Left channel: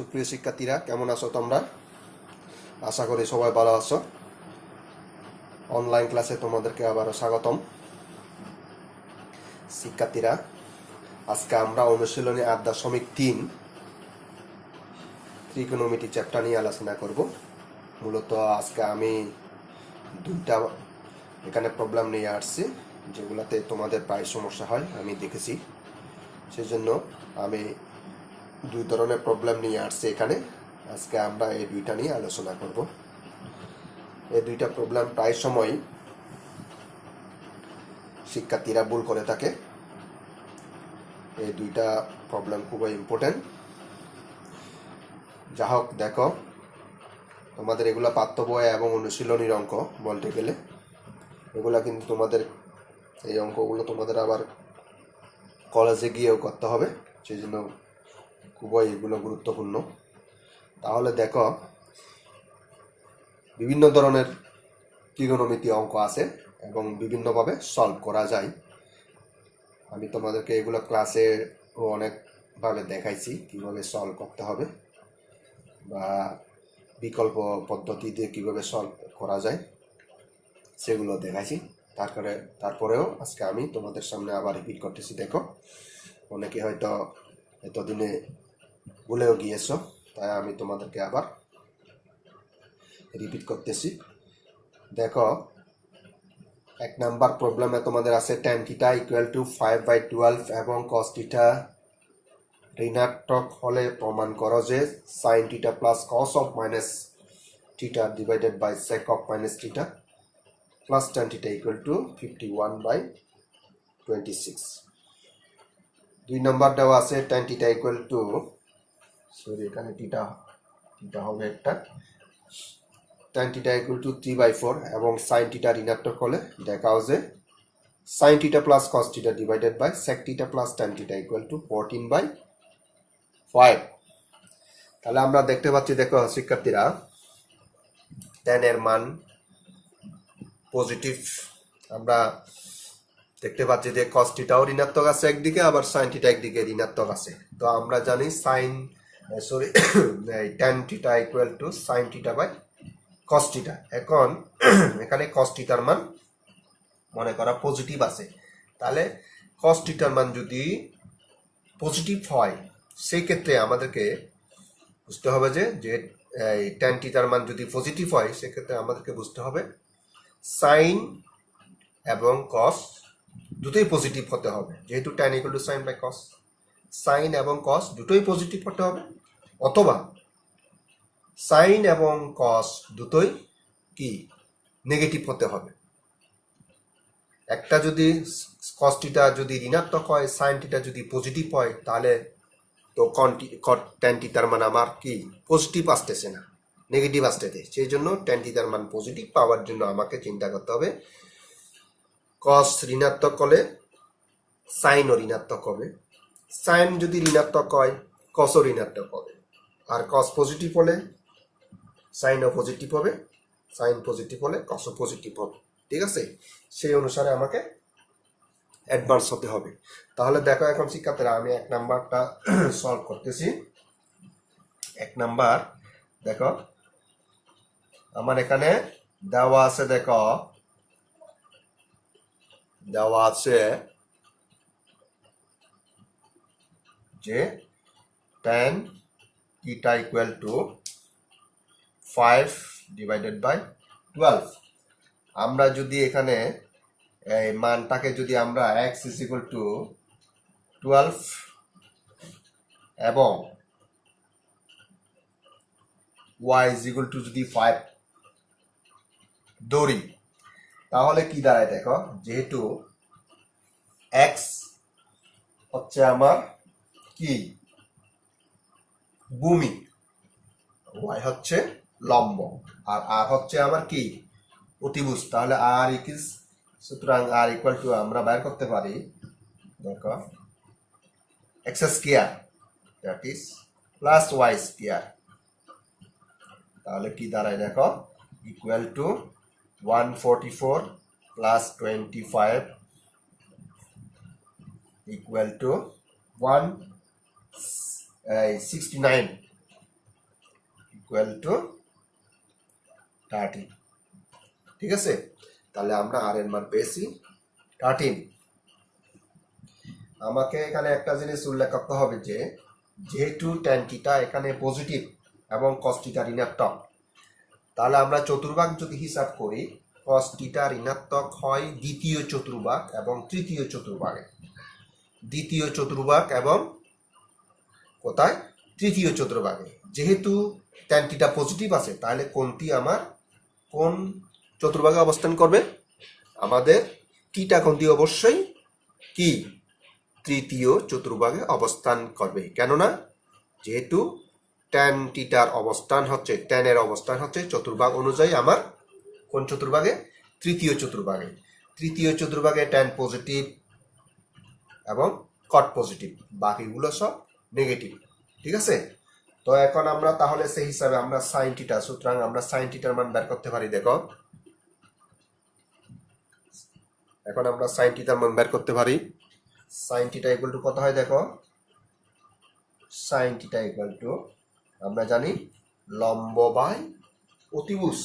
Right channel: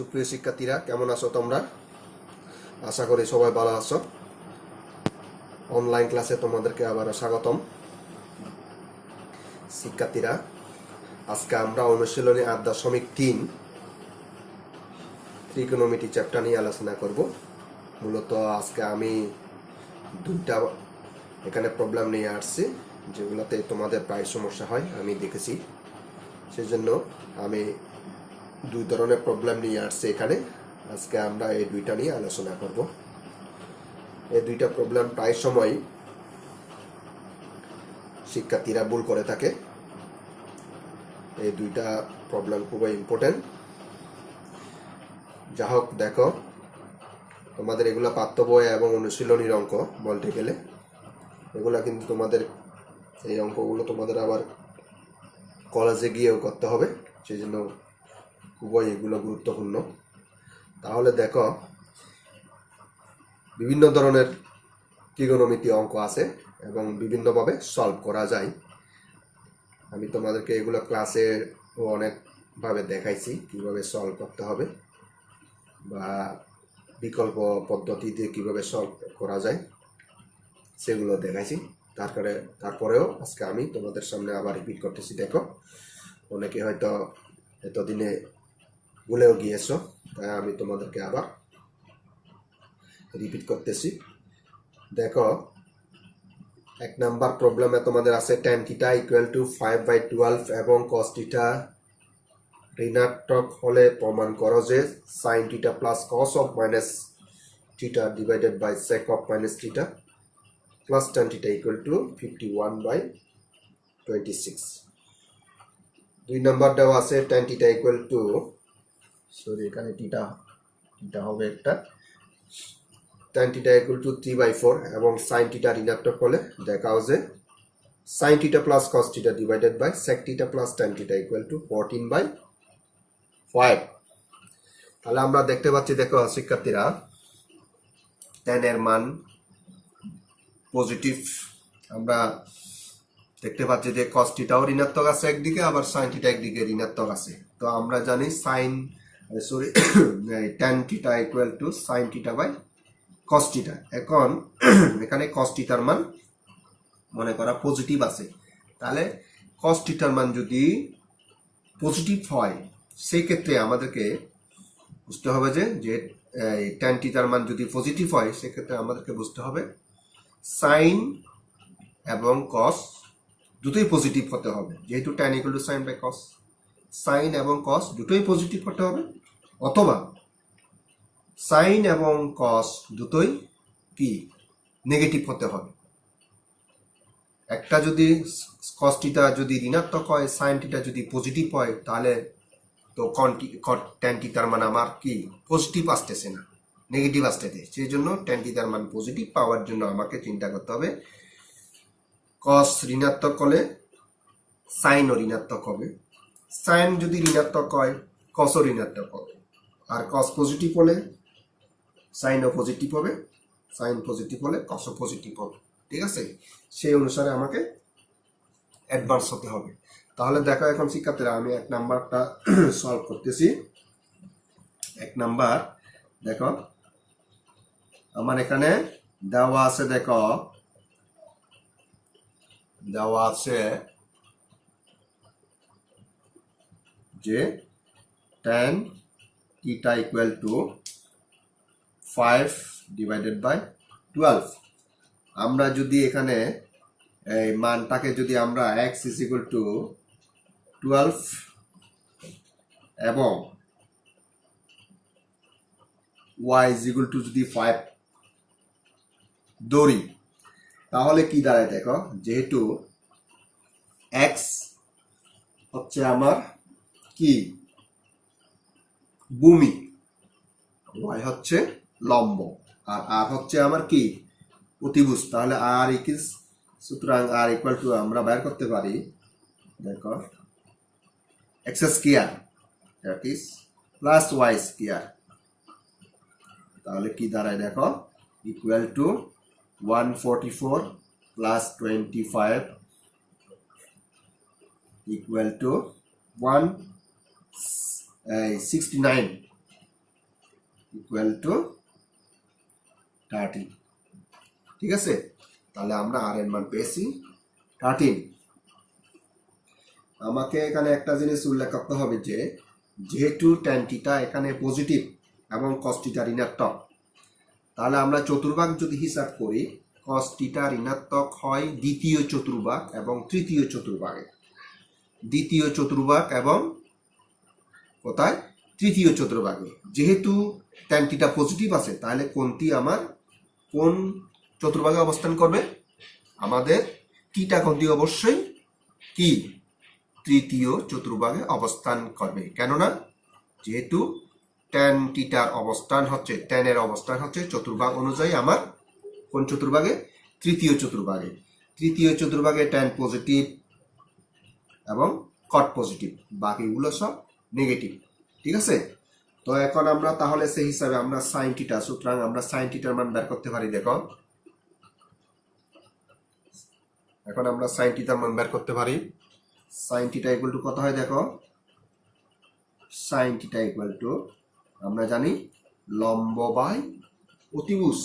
সুপ্রিয় শিক্ষার্থীরা, কেমন আছো তোমরা? আশা করি সবাই ভালো আছো। অনলাইন ক্লাসে তোমাদেরকে আবারও স্বাগতম। শিক্ষার্থীরা, আজকে আমরা অনুশীলনী ৮.৩ ত্রিকোণমিতি চ্যাপ্টার নিয়ে আলোচনা করব। মূলত আজকে আমি দুইটা এখানে প্রবলেম নিয়ে আসছি, যেগুলোতে তোমাদের প্রায় সমস্যা হয় আমি দেখেছি। সেজন্য আমি দুই ধরনের প্রবলেম নিয়ে আসছি এখানে। আজকে আমরা এই দুইটা নিয়ে আলোচনা করব। এই দুইটা প্রবলেম প্রায় সময় শিক্ষার্থীরা ভুল করে থাকে। এই দুইটা প্রবলেম খুবই ইম্পর্টেন্ট। যা হোক, দেখো, তোমাদের এগুলো পাঠ্য বই এবং অনুশীলনীর অঙ্ক বলতে গেলে। এগুলা কিন্তু তোমাদের এই অঙ্কগুলো তোমাদের আবার কলেজে গিয়েও করতে হবে, সেই জন্য খুবই এগুলো গুরুত্বপূর্ণ। তাহলে দেখো, বিভিন্ন ধরনের ত্রিকোণমিতি অঙ্ক আছে এবং বিভিন্নভাবে সলভ করা যায়। আমি তোমাদেরকে এগুলো ক্লাসে অনেকভাবে দেখাইছি কিভাবে সলভ করতে হবে, বা বিকল্প পদ্ধতি দিয়ে কিভাবে সলভ করা যায় সেগুলো দেখাইছি। তারপরেও আজকে আমি তোমাদের সামনে আবার রিপিট করতেছি। দেখো, অনেকে হয়তো এতদিনে ভুলেও গিয়েছো, তাই আমি তোমাদেরকে আবার রিপিট করতেছি। দেখো, ১ নাম্বার প্রবলেমে তোমাদের আছে tan θ = 5/12 এবং cos θ ঋণাত্মক হলে প্রমাণ করো যে sin θ plus cos of minus θ divided by sec of minus θ plus tan θ = 51/26। ২ নম্বর দেওয়া আছে tan θ এখানে θ হবে একটা, tan θ = 3/4 এবং sin θ ঋণাত্মক হলে দেখাও যে sin θ plus cos θ divided by sec θ plus tan θ = 14/5। তাহলে আমরা দেখতে পাচ্ছি, দেখো শিক্ষার্থীরা, tan এর মান পজিটিভ। আমরা দেখতে পাচ্ছি যে cos θও ঋণাত্মক আছে একদিকে, আবার sin θ একদিকে ঋণাত্মক আছে। তো আমরা জানি tan θ = sin θ by cos θ। এখন এখানে cos θ এর মান মনে করা পজিটিভ আছে। তাহলে cos θ এর মান যদি পজিটিভ হয়, সেই ক্ষেত্রে আমাদেরকে বুঝতে হবে যে tan θ এর মান যদি পজিটিভ হয়, সেক্ষেত্রে আমাদেরকে বুঝতে হবে সাইন এবং cos দুটোই পজিটিভ হতে হবে। যেহেতু tan = sin by cos, sign এবং cos দুটোই পজিটিভ হতে হবে, অথবা সাইন এবং cos দুটোই কি নেগেটিভ হতে হবে। একটা যদি cos θ যদি ঋণাত্মক হয়, sin θ যদি পজিটিভ হয়, তাহলে তো tan θ এর মান আমার কি পজিটিভ আসতেছে না, নেগেটিভ আসতেছে। সেই জন্য tan θ এর মান পজিটিভ পাওয়ার জন্য আমাকে চিন্তা করতে হবে cos ঋণাত্মক হলে সাইনও ঋণাত্মক হবে, সাইন যদি ঋণাত্মক হয় cosও ঋণাত্মক হবে, আর cos পজিটিভ হলে সাইনও পজিটিভ হবে, সাইন পজিটিভ হলে cosও পজিটিভ হবে। ঠিক আছে? সেই অনুসারে আমাকে অ্যাডভান্স হতে হবে। তাহলে দেখো, এখন শিক্ষার্থীরা, আমি ১ নাম্বারটা সলভ করতেছি। ১ নাম্বার দেখো, আমার এখানে দেওয়া আছে, দেখো দেওয়া আছে যে tan θ = 5/12। আমরা যদি এখানে এই মানটাকে যদি আমরা x = 12 এবং y = যদি 5 ধরি, তাহলে কি দাঁড়ায়? দেখো, যেহেতু x হচ্ছে আমার কি ভূমি, y হচ্ছে লম্ব, আর r হচ্ছে আমার কি অতিভুজ। তাহলে সুতরাং r = আমরা বের করতে পারি, দেখো, x square that is plus y square. তাহলে কি দাঁড়ায়? দেখো, equal to 144 plus 25 equal to 169 equal to 13। ঠিক আছে, তাহলে আমরা আর এর মান পেয়েছি 13। আমাকে এখানে একটা জিনিস উল্লেখ করতে হবে যে যেহেতু ট্যান থিটা এখানে পজিটিভ এবং কস থিটা ঋণাত্মক, তাহলে আমরা চতুর্ভাগ যদি হিসাব করি কস থিটা ঋণাত্মক হয় দ্বিতীয় চতুর্ভাগ এবং তৃতীয় চতুর্ভাগে। দ্বিতীয় চতুর্ভাগ এবং কোথায়? তৃতীয় চতুর্ভাগে। যেহেতু ট্যান থিটা পজিটিভ আছে, তাহলে কোনটি আমার কোন চতুর্ভাগে অবস্থান করবে? আমাদের থিটা কোনটি অবশ্যই কি তৃতীয় চতুর্ভাগে অবস্থান করবে। কেননা যেহেতু ট্যান থিটার অবস্থান হচ্ছে, ট্যানের অবস্থান হচ্ছে চতুর্ভাগ অনুযায়ী আমার কোন চতুর্ভাগে? তৃতীয় চতুর্ভাগে। তৃতীয় চতুর্ভাগে ট্যান পজিটিভ এবং কট পজিটিভ, বাকিগুলো সব নেগেটিভ। ঠিক আছে, তো এখন আমরা তাহলে সেই হিসাবে আমরা সাইন থিটা, সুতরাং আমরা সাইন থিটার মান বের করতে পারি। দেখো এখন আমরা সাইন থিটার মান বের করতে পারি। সাইন থিটা ইকুয়াল টু কত হয়? দেখো সাইন থিটা ইকুয়াল টু আমরা জানি লম্ব বাই অতিভুজ।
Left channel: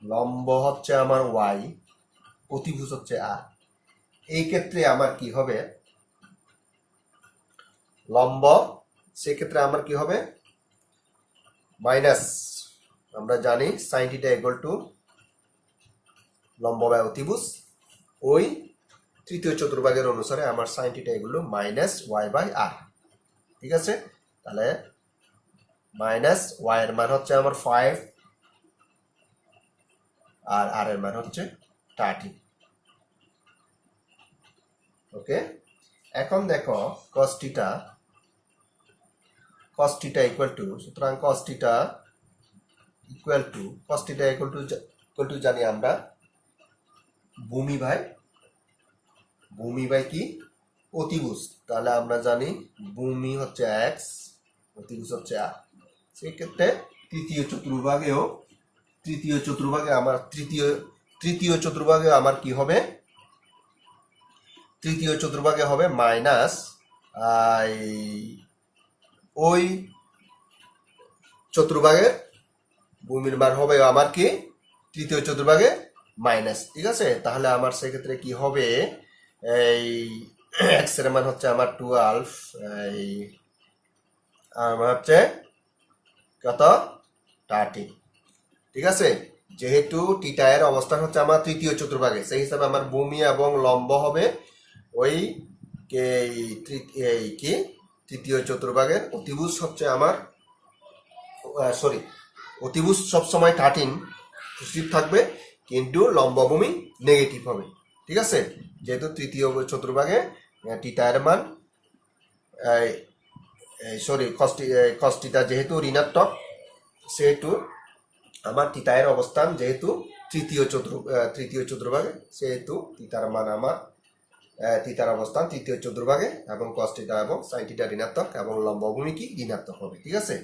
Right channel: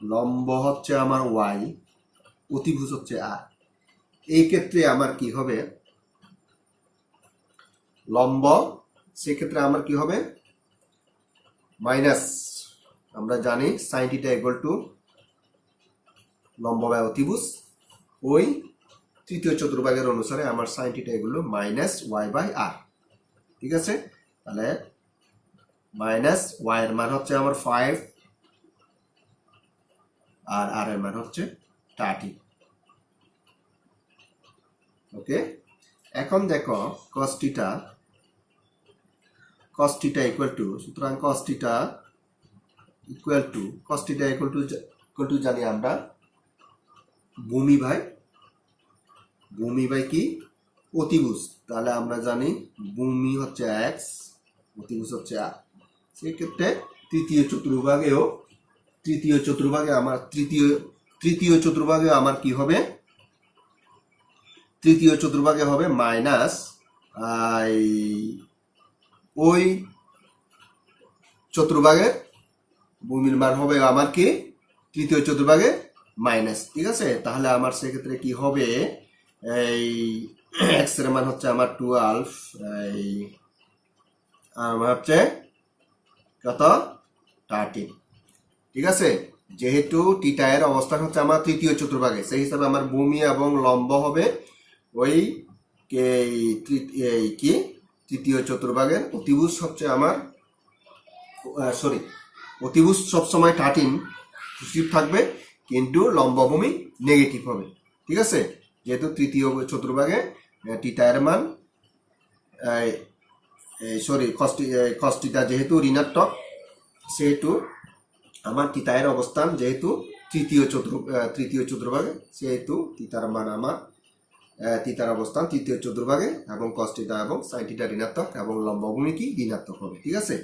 লম্ব হচ্ছে আমার ওয়াই, অতিভুজ হচ্ছে আর। এই ক্ষেত্রে আমার কি হবে? লম্ব, সেক্ষেত্রে আমার কি হবে? মাইনাস, আমরা জানি সাইন থিটা ইকুয়াল টু লম্ব বাই অতিভুজ। ওই তৃতীয় চতুর্ভাগের অনুসারে আমার সাইন থিটা এগুলো মাইনাস ওয়াই বাই আর। ঠিক আছে, তাহলে মাইনাস ওয়াই এর মান হচ্ছে আমার 5 আর আর এর মান হচ্ছে 30। ওকে, এখন দেখো cos থিটা ইকুয়াল টু, সুতরাং cos থিটা ইকুয়াল টু জানি আমরা ভূমি বাই কি? অতিভুজ। তাহলে আমরা জানি ভূমি হচ্ছে এক্স, অতিভুজ হচ্ছে আর। সেই ক্ষেত্রে তৃতীয় চতুর্ভাগে আমার তৃতীয় চতুর্ভাগে আমার কি হবে? তৃতীয় চতুর্ভাগে হবে মাইনাস ওই চতুর্ভাগে ভূমির মান হবে আমার কি? তৃতীয় চতুর্ভাগে মাইনাস। ঠিক আছে, তাহলে আমার সেক্ষেত্রে কি হবে? এই এক্স এর মান হচ্ছে আমার 12, আমার হচ্ছে কত? 30। ঠিক আছে, যেহেতু থিটা এর অবস্থান হচ্ছে আমার তৃতীয় চতুর্ভাগে, সেই হিসাবে আমার ভূমি এবং লম্ব হবে ওই কি তৃতীয় চতুর্ভাগের। অতিভুজ হচ্ছে আমার অতিভুজ সবসময় 13 পজিটিভ থাকবে, কিন্তু লম্বভূমি নেগেটিভ হবে। ঠিক আছে, যেহেতু তৃতীয় চতুর্ভাগে থিটা এর মান cos থিটা যেহেতু ঋণাত্মক, সেহেতু আমার থিটা এর অবস্থান যেহেতু তৃতীয় চতুর্ভাগে, সেহেতু থিটার মান আমার থিটার অবস্থান তৃতীয় চতুর্ভাগে, এবং cos থিটা এবং sin থিটা ঋণাত্মক এবং লম্বভূমি কি ঋণাত্মক হবে। ঠিক আছে,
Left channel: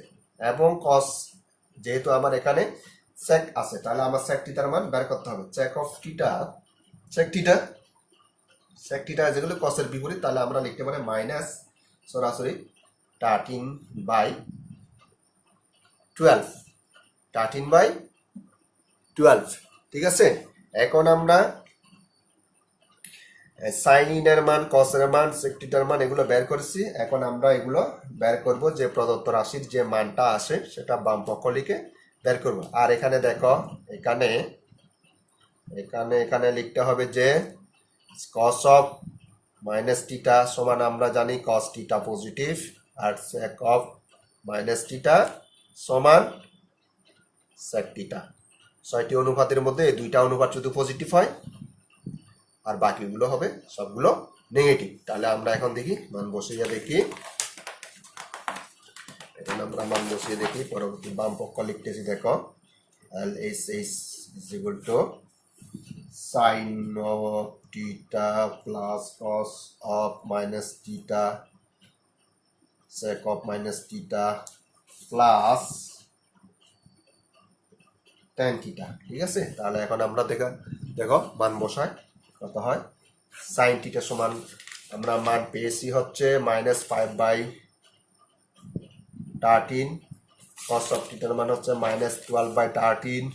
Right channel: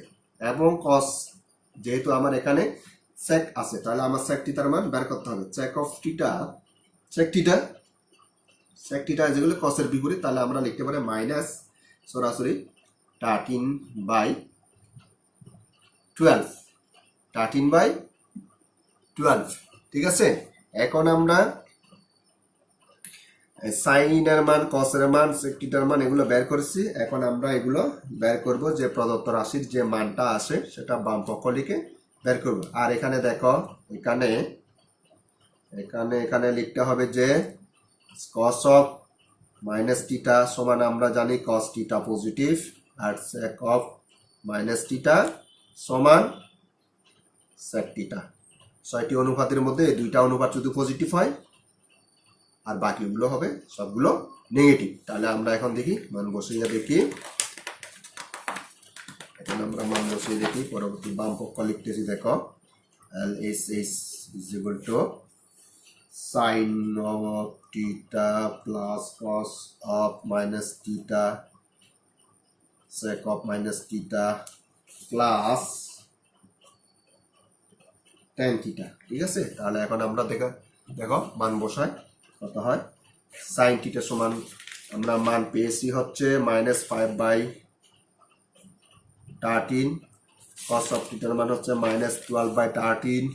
এবং cos যেহেতু আমার এখানে sec আছে, তাহলে আমার sec থিটার মান বের করতে হবে। sec থিটা যেগুলো cos এর বিপরীত, তাহলে আমরা লিখতে পারি মাইনাস সরাসরি 13/12। ঠিক আছে, এখন আমরা সাইন এর মান, কস এর মান, sec থিটার মান এগুলো বের করেছি। এখন আমরা এগুলো বের করব, যে প্রদত্ত রাশির যে মানটা আসে সেটা বাম পক্ষ লিখে বের করব। আর এখানে দেখো এখানে লিখতে হবে যে cos অফ মাইনাস থিটা সমান আমরা জানি cos থিটা পজিটিভ, আর sec অফ মাইনাস থিটা সমান sec থিটা। 6টি অনুপাতের মধ্যে এই দুইটা অনুপাত শুধু পজিটিভ হয়, আর বাকিগুলো হবে সবগুলো নেগেটিভ। তাহলে আমরা এখন দেখি মান বসিয়ে দেখি। এখন আমরা মান বসিয়ে দেখি, পরবর্তী বাম পক্ষ লিখতেছি। দেখো LHS is equal to sin of theta plus cos of minus theta sec of minus theta plus tan theta। ঠিক আছে, তাহলে এখন আমরা দেখো মান বসাই কত হয়। sin theta সমান আমরা মান পেয়েছি হচ্ছে -5/13 কস অফ থিটার মান হচ্ছে -12/13,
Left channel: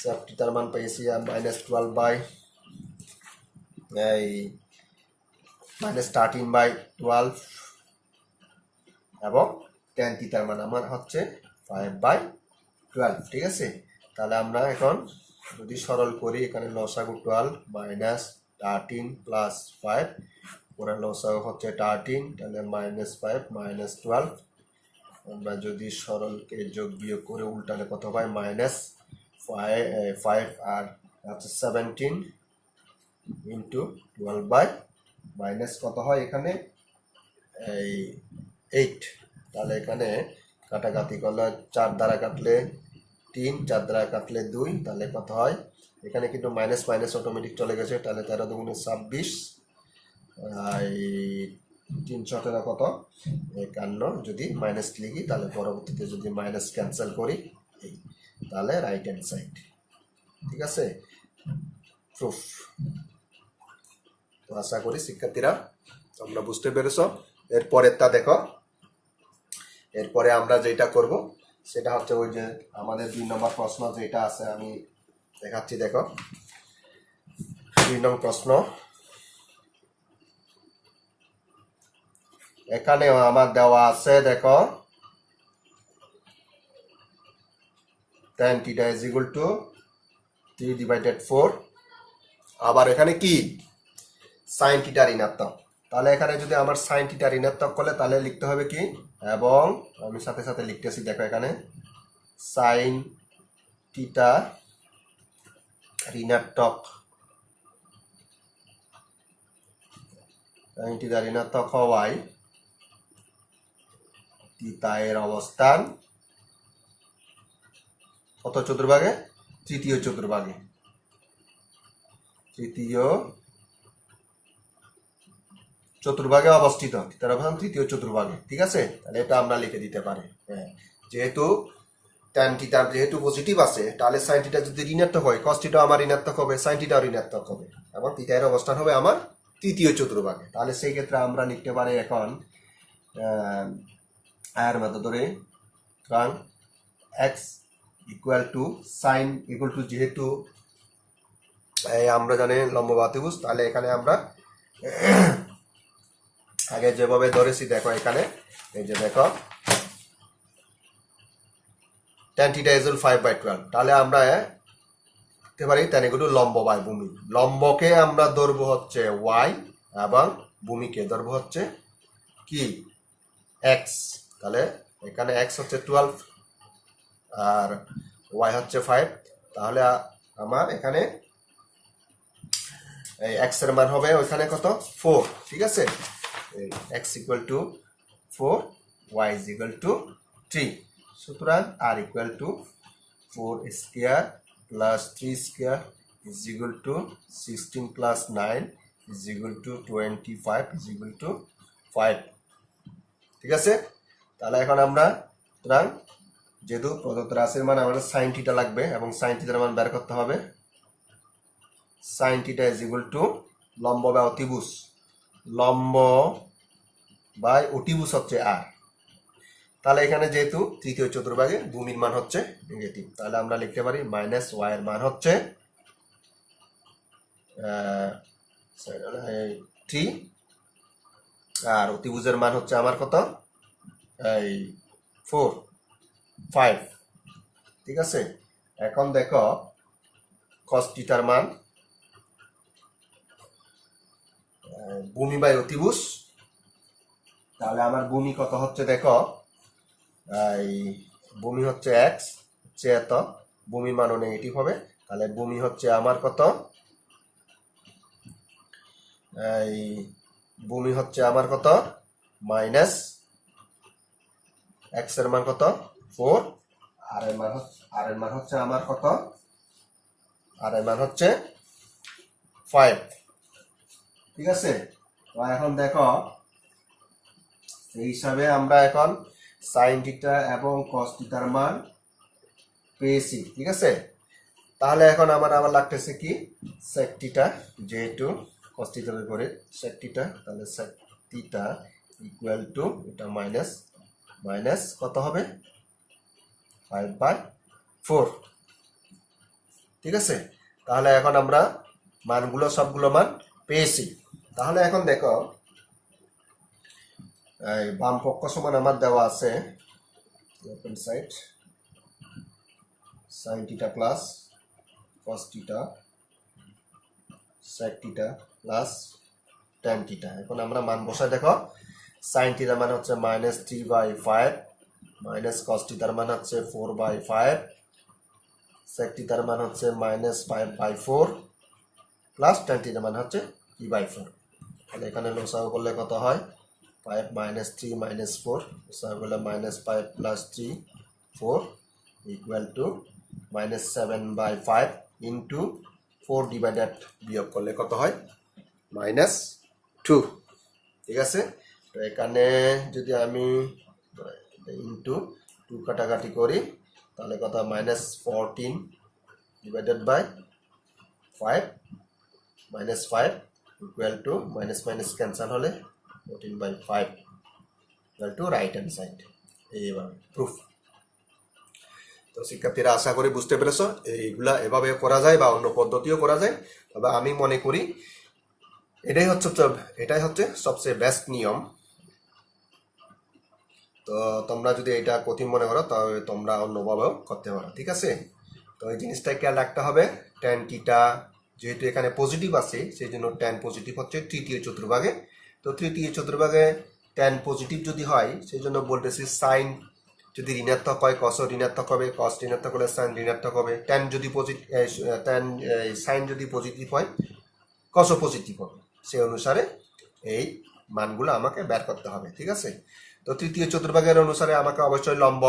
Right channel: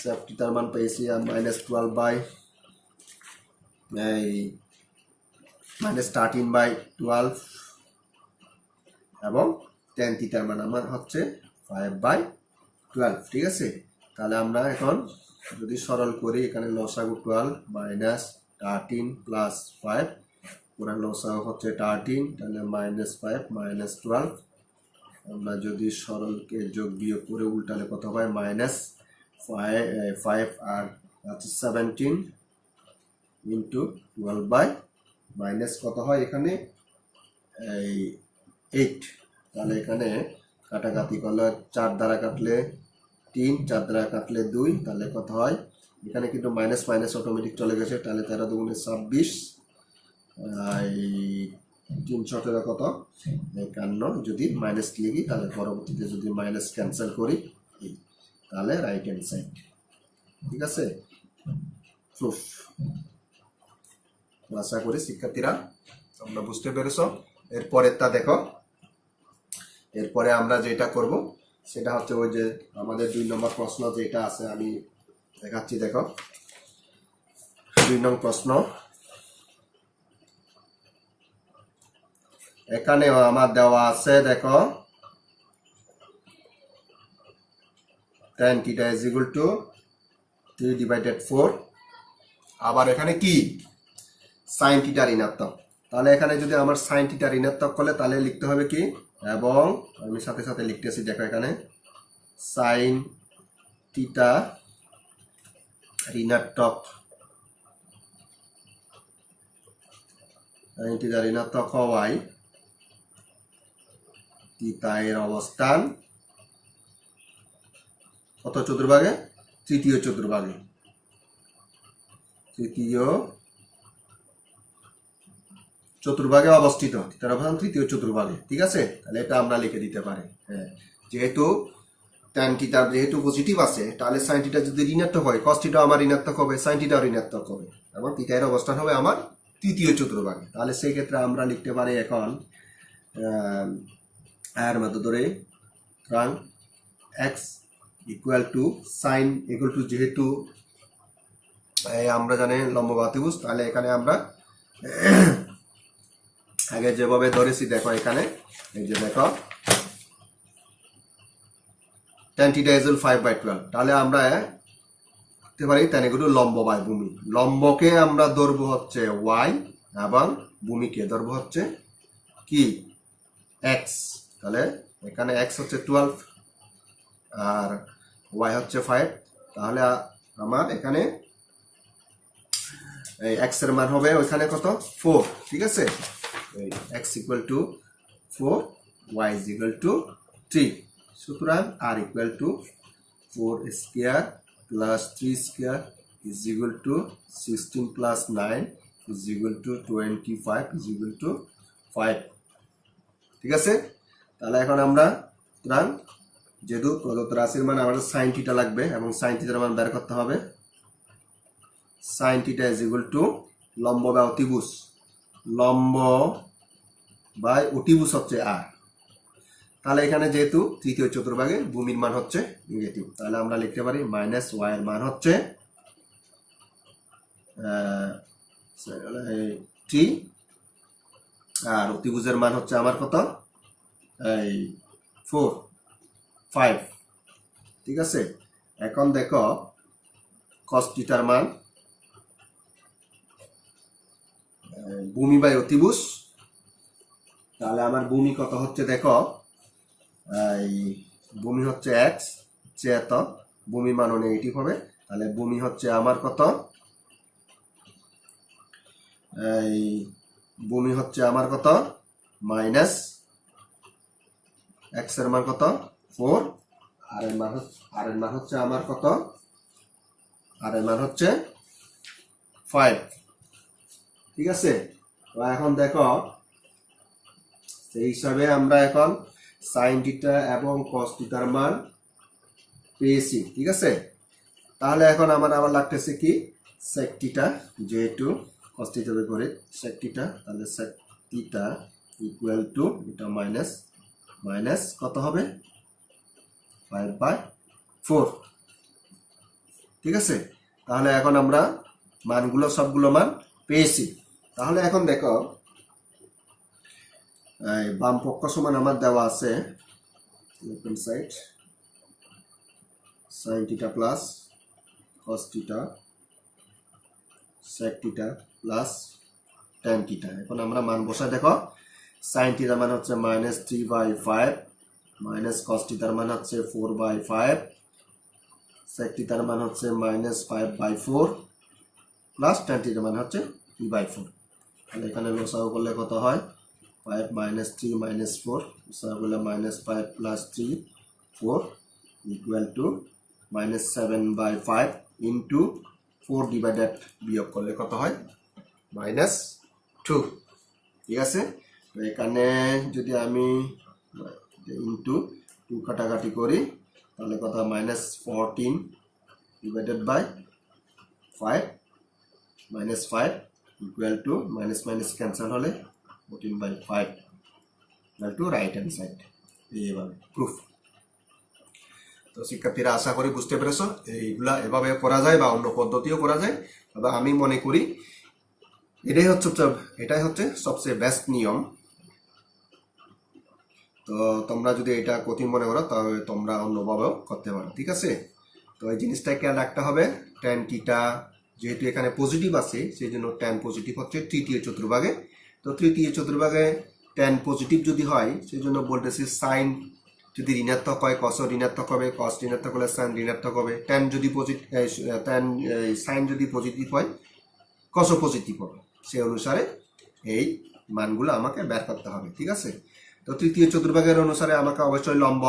সেক থিটার মান পেয়েছি আর -12 এই -13/12 এবং tan থিটার মান আমার হচ্ছে 5/12। ঠিক আছে, তাহলে আমরা এখন যদি সরল করি, এখানে লসাগু 12 -13 + 5, পুরো লসাগু হচ্ছে 13, তাহলে -5 -12। আমরা যদি সরলকে যোগ বিয়োগ করে উল্টালে কত হয়, -5 আর হচ্ছে 17 ইন্টু 12 মাইনাস কত হয় এখানে এই 8। তাহলে এখানে কাটাকাটি করলে 4 দ্বারা কাটলে 3, 4 দ্বারা কাটলে 2, তাহলে কত হয় এখানে কিন্তু মাইনাস মাইনাস অটোমেটিক চলে গেছে, তাহলে 13 দুগুণে 26, এই 3 কত 51। যদি মাইনাস লিখি তাহলে পরবর্তীতে যদি মাইনাস ক্যান্সেল করি এই, তাহলে রাইট হ্যান্ড সাইড। ঠিক আছে, প্রুফ। তো আশা করি শিক্ষার্থীরা তোমরা বুঝতে পেরেছ। এরপরেরটা দেখো, এরপরে আমরা যেটা করব সেটা হচ্ছে ওই যে আমাদের 2 নম্বর প্রশ্ন যেটা আছে আমি দেখাচ্ছি। দেখো 2 নম্বর প্রশ্ন, এখানে আমার দেওয়া আছে দেখো tan θ = 3/4। আবার এখানে কি sin θ ঋণাত্মক, তাহলে এখানে যদি আমার sin θ ঋণাত্মক করলে তাহলে লিখতে হবে কি, এবং আমি সাথে সাথে লিখতেছি দেখো এখানে sin θ ঋণাত্মক, sin θ ঋণাত্মক হওয়ায় থিটা এর অবস্থান কত চতুর্ভাগে, তৃতীয় চতুর্ভাগে, তৃতীয় চতুর্ভাগে অবস্থিত, থিটার অবস্থান তৃতীয় চতুর্ভাগে। ঠিক আছে, তাহলে এটা আমরা লিখে দিতে পারি। হ্যাঁ, যেহেতু tan θ যেহেতু পজিটিভ আছে, তাহলে sin θ যদি ঋণাত্মক হয় cos θ আমার ঋণাত্মক হবে, sin θ ঋণাত্মক হবে, এবং থিটা এর অবস্থান হবে আমার তৃতীয় চতুর্ভাগে। তাহলে সেই ক্ষেত্রে আমরা লিখতে পারি এখন আয়ের মধ্যে ধরে সুতরাং x = sin = যেহেতু আমরা জানি লম্ব বাহুভুজ, তাহলে এখানে আমরা আগে যেভাবে ধরেছি দেখো এখানে এই যে দেখো tan θ = 5/12, তাহলে আমরা দেখতে পারি tan = লম্ব বাই ভূমি। লম্বকে আমরা ধরবো হচ্ছে y এবং ভূমিকে ধরবো হচ্ছে কি x। তাহলে এখানে x হচ্ছে 12 আর y হচ্ছে 5, তাহলে আমার এখানে এই x এর মান হবে ওখানে কত 4। ঠিক আছে, এই x = 4, y = 3। সুতরাং r = 4² + 3² = 16 + 9 = 25 = 5। ঠিক আছে, তাহলে এখন আমরা সুতরাং যেহেতু প্রদত্ত রাশির মান আমাদের sin θ লাগবে এবং sin θ এর মান বের করতে হবে। sin θ = লম্ব বা অতিভুজ, লম্ব বাই অতিভুজ হচ্ছে r। তাহলে এখানে যেহেতু তৃতীয় চতুর্ভাগে ভূমির মান হচ্ছে নেগেটিভ, তাহলে আমরা লিখতে পারি -y এর মান হচ্ছে 3 আর অতিভুজের মান হচ্ছে আমার কত এই 4 5। ঠিক আছে, এখন দেখো cos θ এর মান ভূমি বাই অতিভুজ, তাহলে আমার ভূমি কত হচ্ছে দেখো এই ভূমি হচ্ছে x, এত ভূমির মানও নেগেটিভ হবে, তাহলে ভূমি হচ্ছে আমার কত এই ভূমি হচ্ছে আমার কত মাইনাস x এর মান কত 4, আর এর মান হচ্ছে আমার কত, আর এর মান হচ্ছে 5। ঠিক আছে, তো এখন দেখো সেই হিসাবে আমরা এখন sin θ এবং cos θ এর মান পেয়েছি। ঠিক আছে, তাহলে এখন আমার আবার লাগতেছে কি sec θ, যেহেতু cos θ এর উপরে sec θ, তাহলে sec θ = এটা মাইনাস মাইনাস কত হবে 5/4। ঠিক আছে, তাহলে এখন আমরা মানগুলো সবগুলো মান পেয়েছি। তাহলে এখন দেখো বাম পক্ষ সমান আমার দেওয়া আছে left hand side sin theta plus cos theta sec theta plus tan theta. এখন আমরা মান বসাই দেখো, sin থিটার মান হচ্ছে -3/5, মাইনাস cos থিটার মান হচ্ছে 4/5, sec থিটার মান হচ্ছে -5/4 প্লাস tan থিটার মান হচ্ছে 3/4। তাহলে এখানে লসাগু করলে কত হয় 5 - 3 - 4, লসাগু করলে -5 + 3 4 ইকুয়াল টু -7/5 ইন্টু 4 ডিভাইডেড বিয়োগ করলে কত হয় -2। ঠিক আছে, তো এখানে যদি আমি ইন্টু 2 কাটাকাটি করি তাহলে কত -14 divided by 5 -5 equal to minus minus cancel হলে 14/5 equal to right hand side. এইভাবে প্রুফ। তো শিক্ষার্থীরা আশা করি বুঝতে পেরেছ, এইগুলা এভাবে করা যায় বা অন্য পদ্ধতিও করা যায়, তবে আমি মনে করি এটাই হচ্ছে সবচেয়ে বেস্ট নিয়ম। তো তোমরা যদি এটা কঠিন মনে করো তাহলে তোমরা অন্যভাবেও করতে পারো। ঠিক আছে, তো এই জিনিসটা খেয়াল রাখতে হবে। tan থিটা যেহেতু এখানে পজিটিভ আছে সেই জন্য tan পজিটিভ হচ্ছে তৃতীয় চতুর্ভাগে। তো তৃতীয় চতুর্ভাগে tan পজিটিভ যদি হয় সেই জন্য বলতেছি সাইন যদি ঋণাত্মক হয় cos ঋণাত্মক হবে, cos ঋণাত্মক হলে সাইন ঋণাত্মক হবে, tan যদি সাইন যদি পজিটিভ হয় cos পজিটিভ হবে। সেই অনুসারে এই মানগুলো আমাকে বের করতে হবে। ঠিক আছে, তো তৃতীয় চতুর্ভাগের অনুসারে আমাকে অবশ্যই লম্ব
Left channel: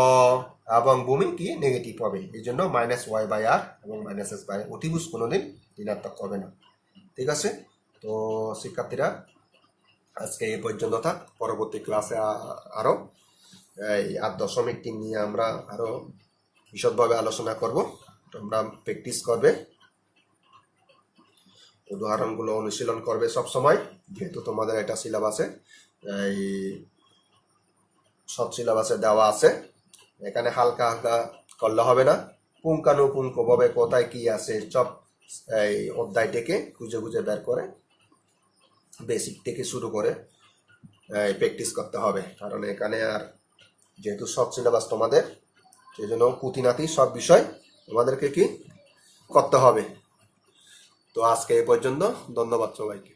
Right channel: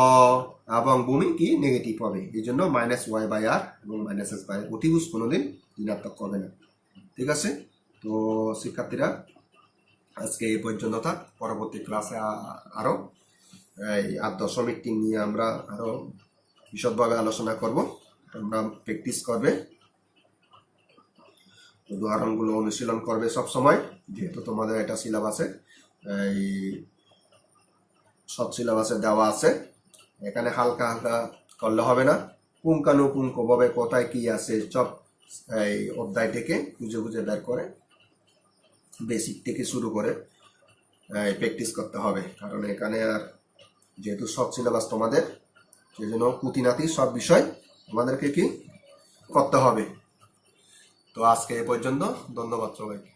এবং ভূমি কি নেগেটিভ হবে, এই জন্য -y/r এবং -s/r অতিভুজ কোনোদিন ঋণাত্মক হবে না। ঠিক আছে, তো শিক্ষার্থীরা আজকে এই পর্যন্ত থাক। পরবর্তী ক্লাসে আরো এই 8.3 নিয়ে আমরা আরো বিশদভাবে আলোচনা করব। তোমরা প্র্যাকটিস করবে, উদাহরণগুলো অনুশীলন করবে সব সময়, যেহেতু তোমাদের এটা সিলেবাসে এই সব সিলেবাসে দেওয়া আছে। এখানে হালকা হালকা করলে হবে না, পুঙ্খানুপুঙ্খভাবে কোথায় কি আছে সব এই অধ্যায় থেকে খুঁজে খুঁজে বের করে বেসিক থেকে শুরু করে প্র্যাকটিস করতে হবে। কারণ এখানে আর যেহেতু সব সিলেবাস তোমাদের, সেই জন্য খুঁটিনাটি সব বিষয় তোমাদেরকে কি করতে হবে। তো আজকে এই পর্যন্ত, ধন্যবাদ সবাইকে।